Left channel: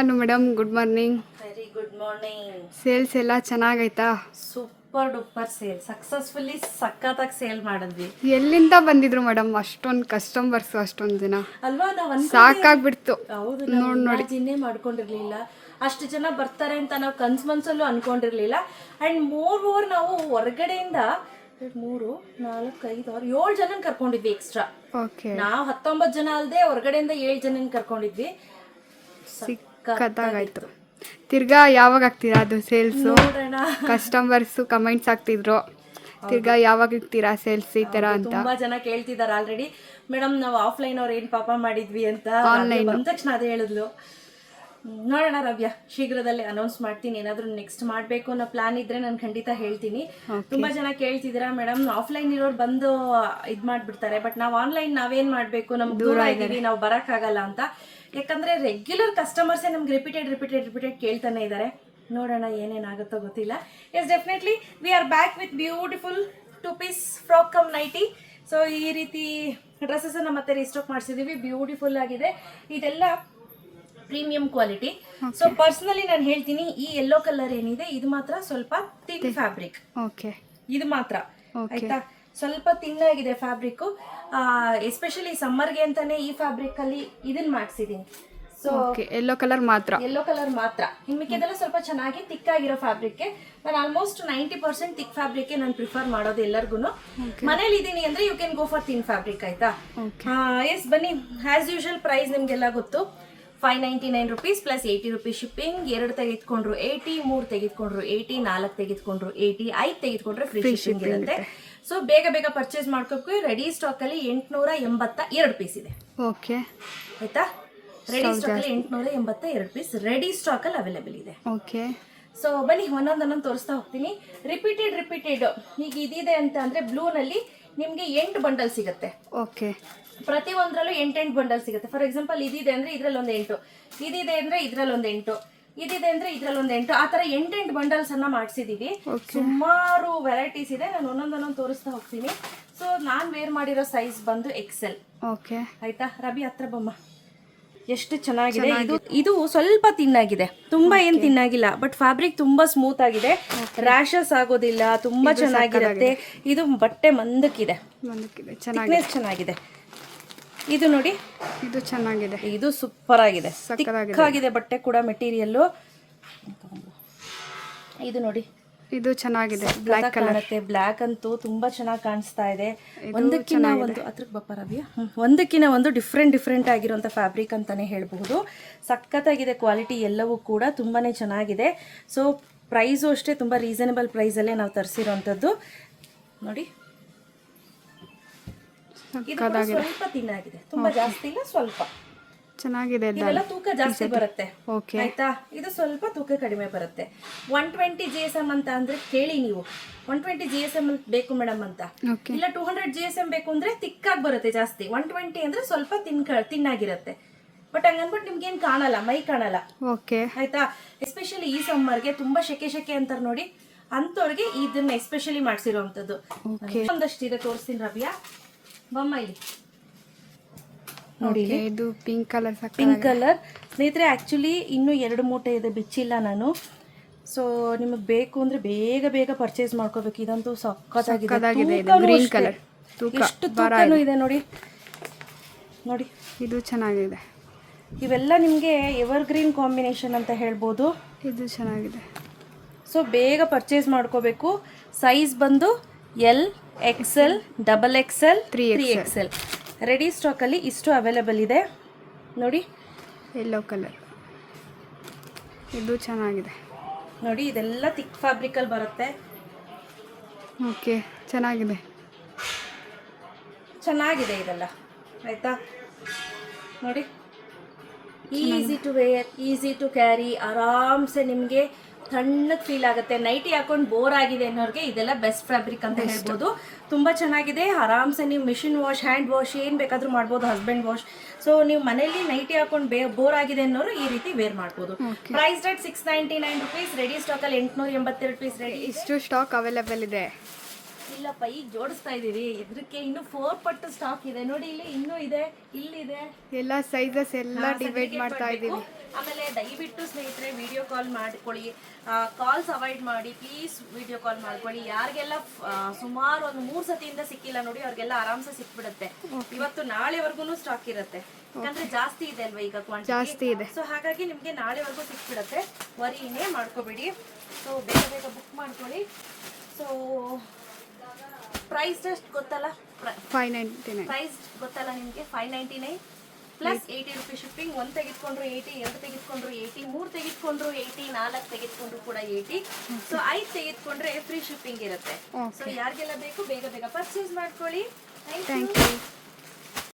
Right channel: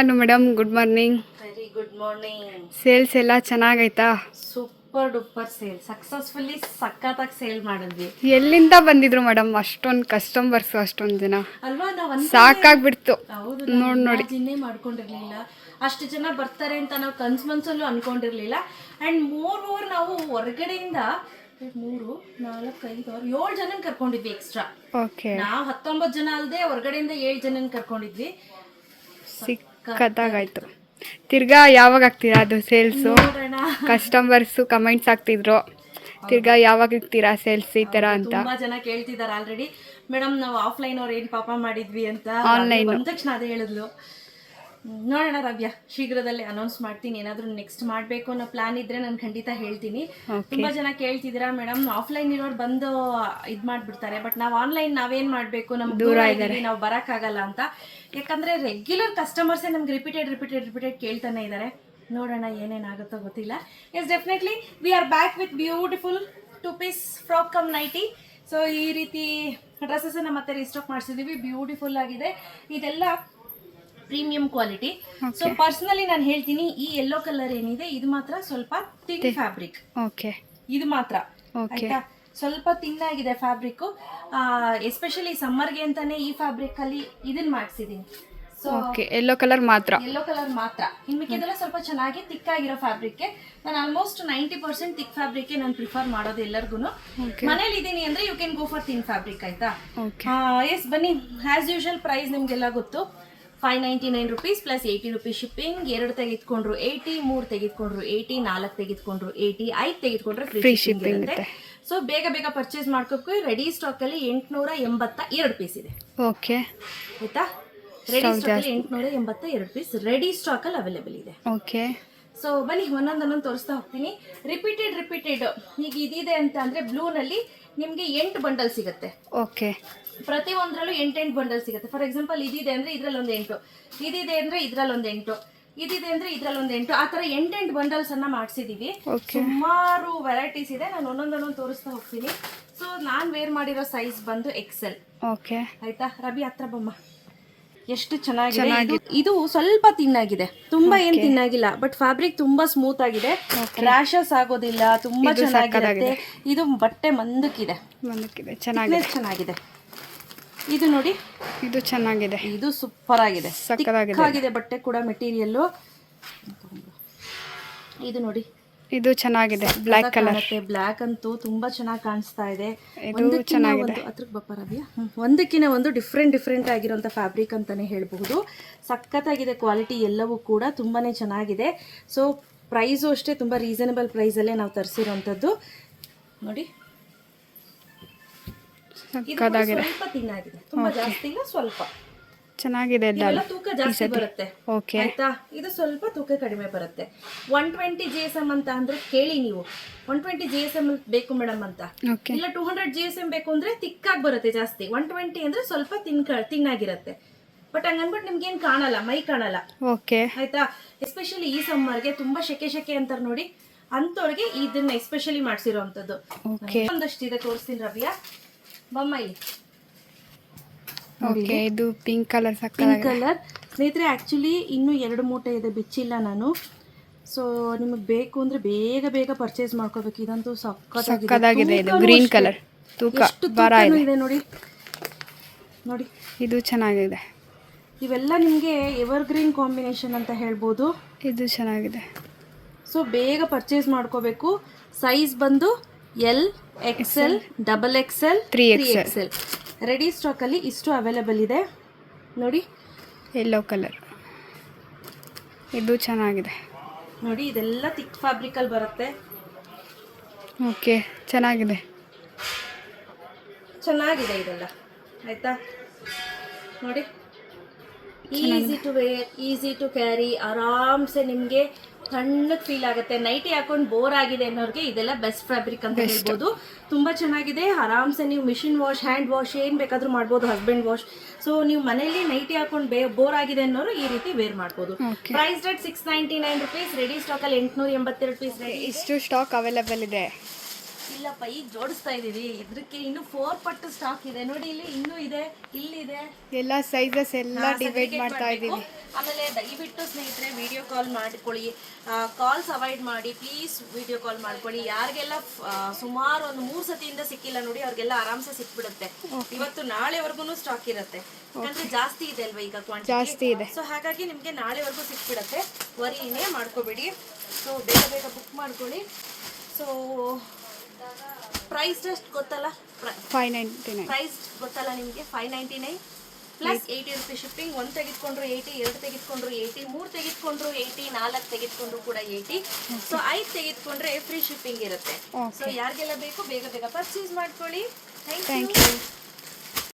Hello madam good morning very good morning sales ಎಲ್ಲ ಚೆನ್ನಾಗೈತಾ? Super duper sale successfully ಸಖತ್ತಾಗಿ sale ಮಾಡಿದ್ವಿ. ಎಲ್ಲಿಂದ ಬಂದಿದ್ರು ಮೇಡಮ್ ಅಷ್ಟೊಂದು ಕಸ್ಟಮರ್ಸ್ ಅಷ್ಟೊಂದು ಜನ. ಅಲ್ವಾ? ನಾವು ಸಾಕಾಗ್ಬಿಡ್ತು. ನೋಡಿ ನೋಡ್ ನೋಡಿ. ಇನ್ನೇ ಮಾಡ್ಕೊಂಡಿರ್ಲಿಲ್ಲ. ಅಷ್ಟು ಜನ ಬರ್ತಾರೆ ಅಂತ ನಾವು ಕನ್ಸ್ ಮನ್ಸಲ್ಲೂ ಅನ್ಕೊಂಡಿರ್ಲಿಲ್ಲ. ಅಂಡ್ ಮೋರ್ ಓವರ್ ನಾವು ಹೊರಗಡೆಯಿಂದ ಮೂರು ನಾಲ್ಕು ಐದು ಆರು ಏಳು ಜನ ಕರ್ಕೊಂಡಿದ್ವಿ ಎಕ್ಸ್ಟ್ರಾ ಓಕೆ ನಾವು ಹತ್ತೊಂಬತ್ತು ಜನ ಅಲ್ಲದೆ ಹೊರಗಡೆಯಿಂದ ಏಳು ಜನ ಕರ್ಕೊಂಡಿದ್ವಿ. ಸಿಕ್ಕತ್ತಾಗಾಯ್ತು ತಿರ್ಗಾ ಯಾವಾಗ ಆಗ್ತೀರಾ ಅದು ಸೇಲ್ಸು ಕಸ್ಟಮರ್ಸು ಕಮೆಂಟ್ಸ್ ಆಗ್ತಿದ್ರು ತಿರ್ಗಾ ಯಾವಾಗ ಇರ್ತೀರಾ ಸೇಲ್ಸ್ ಈ ಥರ ಅಂತ. ತುಂಬಾ ಜನ ಕೇಳ್ತಿದ್ದಾರೆ ಆಲ್ರೆಡಿ ಮೇಡಮ್ ನಾವು ಆಫ್ಲೈನ್ ಅವ್ರು ಏನ್ ಪಾಪ ಮಾಡಿದ್ವಿ ಅಂತ. ಆನ್ಲೈನ್ ಬಂದ ತಕ್ಷಣ ಅದೇ ಹೇಳಿದ್ಲು. ನೋಡೋಣ ರವ್ಯ ಶೀಘ್ರದಲ್ಲೇ ಅನೌನ್ಸ್ ಮಾಡ್ತೀನಿ. ಏನಾದರೂ ನೆಕ್ಸ್ಟ್ ಮಾಡಬೇಕು ಅನ್ನೋ ಪ್ಲಾನ್ ಇದ್ರೆ ನಾನು ಖಂಡಿತ ಹೇಳ್ತೀನಿ. ತುಂಬಾ ಜನ ಕೇಳ್ತಿದ್ದೀರಾ ಮೇಡಮ್? ಆಫ್ಲೈನ್ ಇರೋರು ಬಂದು ಇದ್ ಮಾಡ್ಬಿಡ್ತಾರೆ. ಬಟ್ ನಾವು ಆನ್ಲೈನ್ ನಾವೇನ್ ಮಾಡ್ಬೇಕು? ನಮ್ಗೆ ದೂರ ಇದ್ದೀವಿ ನಾವು ಬರೋಕ್ಕಾಗಲ್ಲ ಅಂತ. ಯಾಕಂದ್ರೆ ರೆಗ್ಯುಲರ್ ಕಸ್ಟಮರ್ಸೇ ನಮ್ಗೆ ರಿಪೀಟೆಡ್ ರಿಪೀಟೆಡ್ ರಿಪೀಟೆಡ್ ಕೇಳ್ತಾನೆ ಇದ್ದಾರೆ ನೋಡೋಣ ಏನೇನಾಗುತ್ತೋ ಗೊತ್ತಿಲ್ಲ. Yes definitely we are back with beautiful two piece frock cum nighty so ಈ ರೀತಿ ಡ್ರೆಸ್ಸನ್ನು ಮತ್ತೆ ರೀಸ್ಟಾಕ್ ಮಾಡಿಸಿದೀವಿ. ಬ್ಯೂಟಿಫುಲ್ ಆಗಿದೆ. ಇದೆಲ್ಲ ಪ್ರೀಮಿಯಂ ಕ್ವಾಲಿಟಿ ಸೊ ಪರ್ಸನಲಿ ನಾನು ಹೇಳ್ತೀನಿ ಈ ಯೆಲ್ಲೋ ಕಲರ್ ಏನಿದೆ ಇದು ಮಾತ್ರ ಸ್ವಲ್ಪ ಥಿಕ್ ಫ್ಯಾಬ್ರಿಕ್ ಓಕೆ ಇದು ಮಾತ್ರ. ಓಕೆ ಆಯ್ತಾ? ಸ್ವಲ್ಪ ತಿನ್ನಾಗಿದೆ ಫ್ಯಾಬ್ರಿಕ್ ಎಸ್ಪೆಷಲಿ ಸಮ್ಮರ್ಗೆ ಅಂತಾನೆ ಈ ಫ್ಯಾಬ್ರಿಕ್ ಅಲ್ಲಿ ಇದನ್ನ ಮಾಡಿಸಿದೀನಿ. ಸೊ ಎಲ್ಲೋ ಕಲರ್ ಮಾತ್ರ. ಯೆಲ್ಲೋ ಕಲರ್ ಮಾತ್ರ. ಇನ್ನು ಮಿಕ್ಕಿದೆಲ್ಲ ಸ್ವಲ್ಪ ಚೆನ್ನಾಗಿ ತಿಕ್ ಆಗಿರೋ ಫ್ಯಾಬ್ರಿಕ್ ನಾನು almost ninety percent thick fabric ನಾನು ಪ್ರಿಫರ್ ಮಾಡೋದು ಎಲ್ಲರಿಗೂ ಮನೇಲಿ ಇದೀನಿ ಅಂದ್ರೆ you can go for thin fabric ಆಯ್ತಾ? ಎಸ್ ಬನ್ನಿ. ಆಸ್ ಯೂಶುವಲ್ ಪ್ರೈಸ್ ನಿಮ್ಗೆಲ್ಲ ಗೊತ್ತು. Five ninety nine rupees plus eighty rupees shipping ಎರಡು ತೆಗೆದುಕೊಂಡ್ರು ಏಯ್ಟಿ ಮೂರು ತೆಗೆದುಕೊಂಡ್ರು ಏಯ್ಟಿ ನಾಲ್ಕು ತೆಗೆದುಕೊಂಡ್ರು ಏಯ್ಟಿ ಐದು ತೆಗೆದುಕೊಂಡ್ರೆ ಫ್ರೀ ಶಿಪ್ಪಿಂಗ್ ಇರುತ್ತೆ. ಸೊ ಬೇಗ ಬೇಗ ಪರ್ಚೇಸ್ ಮಾಡ್ಕೋಕೆ ರೆಡಿ ಸ್ಟಾಕ್ ಅಲ್ಲಿ ಎಂಟುನೂರ ಎಂಬತ್ತ ಎರಡು ಪೀಸ್ ಇದೆ. ಓಕೆ ಆಯ್ತಾ? ರೆಡಿ ಸ್ಟಾಕ್ ಅಲ್ಲಿ ಎಂಟುನೂರ ಎಂಬತ್ತ ಎರಡು ಪೀಸ್ ರೆಡಿ ಸ್ಟಾಕ್ ಅಲ್ಲಿ ಅವೈಲೇಬಲ್ ಇದೆ. ಓಕೆ ಸೊ ಬನ್ನಿ ಒಂದೊಂದು ಒಂದೊಂದು ತೋರಿಸ್ತಾ ಹೋಗ್ತೀನಿ. ರಿಪೀಟೆಡ್ ರಿಪೀಟೆಡ್ ಈಗ ಇದಿದೆ ಅಂತ ಅಂದ್ರೆ ಬ್ಲೂನಲ್ಲಿ ನಿಮಗೆ ಎಂಟು ಬಂಡಲ್ ಸಿಗುತ್ತೆ. ಓಕೆ ಪ್ರತಿ ಒಂದರಲ್ಲೂ ಎಂಟೆಂಟು ಬಂಡಲ್ ಸಿಗುತ್ತೆ. ಫಾರ್ ಎಕ್ಸಾಂಪಲ್ ಇದಿದೆ ಅಂದ್ರೆ ಇದರಲ್ಲಿ ಒಂದು ಎಂಟು. ಇದಿದೆ ಅಂದ್ರೆ ಇದರಲ್ಲಿ ಒಂದು ಎಂಟು. ಇದಿದೆ ಅಂದ್ರೆ ಇದ್ರಲ್ಲಿ ಒಂದು ಎಂಟು ಆ ತರ ಎಂಟೆಂಟು ಬಂಡಲ್ಸ್ ಅನ್ನ ಮಾಡಿಸಿದೀವಿ. ಸುಮಾರು ವೆರೈಟೀಸ್ ಇದೆ. ನಾನು ಒಂದೊಂದೊಂದೊಂದು ತೋರಿಸ್ತಾ ಹೋಗ್ತೀನಿ. ಸೊ ನಾನು ವೇರ್ ಮಾಡಿರೋ ಸೈಜ್ ಬಂದು ಎಕ್ಸೆಲ್ ಓಕೆ ಆಯ್ತಾ? ರಬಿ ಹತ್ರ ಬಮ್ಮ. ಎಷ್ಟು ಚೆನ್ನಾಗಿದೆ. ಇದು- ಇದು ಸ್ವಲ್ಪ ತಿನ್ನಾಗಿದೆ ತುಂಬಾ ಏನ್ ತಿನ್ನಾಗಿಲ್ಲ ಬಟ್ ಫ್ಯಾಬ್ರಿಕ್ ತುಂಬಾ ಸ್ಮೂತ್ ಆಗಿದೆ. ರ್ಯಾಶಸ್ ಆಗೋದಿಲ್ಲ ತುಂಬಾ ಚೆನ್ನಾಗಿರುತ್ತೆ. ಇದು ಬಟ್ಟೆ ಮಂದಕ್ಕಿದೆ. ಚೆನ್ನಾಗಿದೆ. ಇದು ನೋಡಿ. ಇದು ಚೆನ್ನಾಗಿದೆ. ಇದು ಸೂಪರ್ ಆಗಿದೆ ಸಕ್ಕತ್ತಾಗಿದೆ ಬಟ್ಟೆ ಕೂಡ ಮೆಟೀರಿಯಲ್ಲು. ಇದು ನೋಡಿ. ಇದು ಚೆನ್ನಾಗಿದೆ. ಬ್ಲ್ಯಾಕ್ ಕಲರ್ ಬ್ಲ್ಯಾಕ್ ಅಂತೂ ತುಂಬಾ ಚೆನ್ನಾಗಿ ಕಾಣಿಸ್ತಾ ಇದೆ. ಚೆನ್ನಾಗಿದೆ. ಅದ್ರಕ್ಕೆ. ಒಂದಕ್ಕಿಂತ ಒಂದು ಡಿಫ್ರೆಂಟ್ ಡಿಫ್ರೆಂಟ್ ಆಗಿರುವಂಥ ಫ್ಯಾಬ್ರಿಕ್ ಅಂತಾನೆ ಹೇಳಬಹುದು. ಸಖತ್ತಾಗಿದೆ ಕ್ವಾಲಿಟಿ ಎಲ್ಲವೂ ಕೂಡ ತುಂಬಾನೇ ಚೆನ್ನಾಗಿದೆ. ಸೊ ಪ್ರೈಸು ಅಷ್ಟೇ ತುಂಬಾ ರೀಸನಬಲ್ ಪ್ರೈಸಲ್ಲೇ ನಾವು ತರಿಸಿರೋಂಥದ್ದು ನೋಡಿ. ಇದು ಸ್ವಲ್ಪ ಚೆನ್ನಾಗಿದೆ ತೂಕ ಜಾಸ್ತಿ ಬರುತ್ತೆ. ಓಕೆ ಆಯ್ತಾ? ಇದು ಸ್ವಲ್ಪ ತೂಕ ಕಡಿಮೆ ಬರುತ್ತೆ. One twenty G S M ಅಂತ ಅಂದ್ರೆ ಕೇಳಿ ನೀವು. One twenty G S M ಬೇಕು ಮೇಡಮ್ ಅಂತ. ಇಲ್ಲ two hundred G S M ಬೇಕು ಅಂದ್ರೆ ತಿಕ್ಕಾಗಿ ಬರುತ್ತೆ ಜಾಸ್ತಿ. ಒನ್ ಟ್ವೆಂಟಿ ಅಂದ್ರೆ ಸ್ವಲ್ಪ ತಿನ್ ತಿನ್ನಾಗಿರುತ್ತೆ. ಬಟ್ ಹಂಗನ್ಬಿಟ್ಟು ನಿಮ್ಗೆ ಏನ್ ಕಾಣಲ್ಲ ಮೈ ಕಾಣಲ್ಲ. ಓಕೆ ಆಯ್ತಾ? ಎಸ್ಪೆಷಲಿ ಈ ಸಮ್ಮರ್ಗೆ ತುಂಬಾ ಶೆಕೆ ಶೆಕೆ ಅಂತಾರೆ ನೋಡಿ. ಅಂಥವ್ರಿಗೆ ಇದನ್ನ ಎಸ್ಪೆಷಲಿ ಮಾಡಿಸಿರೋವಂಥದ್ದು ಓಕೆ ಒಂದಷ್ಟು ಇದೆ ತೋರಿಸ್ತೀನಿ ರವಿಯಾ. ಬಮ್ಮ ಇಲ್ಲಿ. ಓಕೆ ಇದು ಪಿಂಕ್ ಕಲರ್ ಪಿಂಕ್ ಕಲರ್ ಸ್ನೇಹಿತರೆ ಆ್ಯಕ್ಚುಲಿ ಇನ್ನೂ ಎರಡು ಮೂಟೆ ಇದೆ ಬಿಚ್ಚಿಲ್ಲ ನಾನು. ಸೊ ನಿಮಗೆ ಬೇಕು ಅಂದ್ರೆ ಬೇಗ ಬೇಗ ಪರ್ಚೇಸ್ ಮಾಡ್ಕೋಬೇಕು. ಇದಂತೂ ಸಕ್ಕತ್ತಾಗಿದೆ. ಇದು ಗ್ರೀನ್ ಕಲರ್ ತೂಕ ಭಾರ ಇದೆ. ನೋಡಿ. ನೋಡಿ. ಇದು ಚೆನ್ನಾಗಿದೆ. ಇವೆಲ್ಲ ನಿಮಗೆ ಎವರ್ ಗ್ರೀನ್ ಕಾಂಬಿನೇಷನ್ ಅಂತ ಹೇಳ್ಬೋದು. ಇದು ಚೆನ್ನಾಗಿದೆ. ಸೊ ಬೇಗ ಪರ್ಚೇಸ್ ಮಾಡ್ಕೋಬೇಕು. ಸೈಜ್ ಬಂದು L XL double XL 3XL. XL. Ready ಸ್ಟಾಕಲ್ಲಿ ಇಷ್ಟು ಅವೈಲೇಬಲ್ ಇದೆ. ನೋಡಿ. ಎಲ್ಲೋ ಕಲರ್ ಇದು ಚೆನ್ನಾಗಿದೆ. ನೋಡಿ ಇದೆಲ್ಲ ತಿಕ್ ಫ್ಯಾಬ್ರಿಕಲ್ಲಿ ಬರುತ್ತೆ. ಓಕೆ ಚೆನ್ನಾಗಿದೆ. ಚೆನ್ನಾಗಿದೆ ಇದೆಲ್ಲ. ಆಯಿತಾ? ನೋಡಿ. Easy to wear easy to carry ಆರಾಮ್ಸೆ ನಿಮಗೆ ತಣ್ಣಗೆ ಫೀಲ್ ಆಗುತ್ತೆ. ನೈಟಿ ಹಾಕೊಂಡು ಬೋರ್ ಆಗಿದೆ ಅನ್ನೋರಿಗೆ ಇದೆಲ್ಲ ಬೆಸ್ಟ್ ಫ್ಯಾಬ್ರಿಕ್ ಅಂತ ಹೇಳ್ಬೋದು. ತುಂಬಾ ಚೆನ್ನಾಗಿದೆ. ಆರಾಮ್ಸೆ ನೀವು ಮಿಷಿನ್ ವಾಶ್ ಹ್ಯಾಂಡ್ ವಾಶ್ ಏನು ಬೇಕಾದ್ರೂ ಮಾಡ್ಬೋದು ಹಸ್ಬೆಂಡ್ ವಾಶ್ ಸೊ ನೀವು ಮನೆಯಲ್ಲಿ ನೈಟಿ ಹಾಕೊಂಡು ಬೇ ಬೋರ್ ಆಗಿದೆ ಅನ್ನೋರು ಈ ರೀತಿ ವೇರ್ ಮಾಡ್ಬೋದು. Price rate six ninety nine rupees ready ಸ್ಟಾಕಲ್ಲಿ ಎಂಟುನೂರ ಎಂಬತ್ತೆರಡು ಪೀಸ್ ಇಷ್ಟು ಸ್ಟಾಕ್ ಅವೈಲೇಬಲ್ ಇದೆ. ಇಲ್ಲಪ್ಪ ಈಗ ಜೋಡಿಸ್ತಾ ಇದೀವಿ ಇದಕ್ಕೆ ಇನ್ನು ಫೋರ್ ಪಟ್ಟು ಸ್ಟಾಕ್ ಇದೆ. ನೋಡಿ ಇಲ್ಲಿ ಇನ್ನೂ ಇದೆ ಇಲ್ಲಿದೆ. ಎಲ್ಲ ಸೈಜಸ್ ಎಲ್ಲ ಡಿವೈಡ್ ಮಾಡ್ತಾ. ಇದ್ದೀವಿ ಆಮೇಲೆ ದಯವಿಟ್ಟು ಸ್ನೇಹಿತರೆ ವಿಡಿಯೋ ಕಾಲ್ ಮಾಡ್ಕೊಳ್ಳಿ. ಕಾಲ್ಸ್ ಅವಾಯ್ಡ್ ಮಾಡಿ ಪ್ಲೀಸ್ ವಿಡಿಯೋ ಕಾಲ್ ಮಾಡ್ಕೊಳ್ಳಿ. ಯಾರಿಗೆಲ್ಲ ಸುಮಾರು ಒಂದು ಮೂರು ಸತಿಯಿಂದ ಸಿಕ್ಕಿಲ್ಲ ನೋಡಿ ಅವ್ರಿಗೆಲ್ಲ ಆರಾಮ್ಸೆ ಸಿಕ್ಬಿಡುತ್ತೆ. ಇವತ್ತು ನಾಳೆವರೆಗೂ ಸ್ಟಾಕ್ ಇರುತ್ತೆ. ಯಾಕಂದ್ರೆ ಜಾಸ್ತಿ ಇದೆ ಅಲ್ವಾ ಈಗ ಕ್ವಾಂಟಿಟಿ ಜಾಸ್ತಿ ಇದೆ. ಸೊ ಹಾಗಾಗಿ ನಿಮಗೆ ನಾಳೆವರೆಗೂ ಸಿಕ್ಬಿಡುತ್ತೆ. ವರಿನೇ ಮಾಡ್ಕೋಬೇಡಿ. ಸೊ ಬೇಗ ಬೇಗ ಬುಕ್ ಮಾಡ್ಕೊಳ್ಳಿ. ಸೊ ಪ್ರೈಸ್ ಎಷ್ಟು ಗೊತ್ತಲ್ಲ? ಫೈವ್ ನೈಂಟಿ ನೈನ್ ಪ್ರೈಸ್ ಗೊತ್ತಲ್ಲ ನಿಮಗೆ? Five ninety nine plus eighty rupees shipping ಒಂದು ತೆಗೆದುಕೊಂಡ್ರು ಏಯ್ಟಿ ಎರಡು ತೆಗೆದುಕೊಂಡ್ರು ಏಯ್ಟಿ ಮೂರು ತೆಗೆದುಕೊಂಡ್ರು ಏಯ್ಟಿ ನಾಲ್ಕು ತೆಗೆದುಕೊಂಡ್ರು ಕೂಡ ಏಯ್ಟಿ ಸೊ ಐದು ತೆಗೆದುಕೊಂಡ್ರೆ ಫ್ರೀ ಶಿಪ್ಪಿಂಗ್ ಇರುತ್ತೆ. ಸೊ ಯಾರಿಗೆಲ್ಲ ಬೇಕು ಬೇಗ ಬೇಗ ಪರ್ಚೇಸ್ ಮಾಡ್ಕೊಳ್ಳಿ. Thank you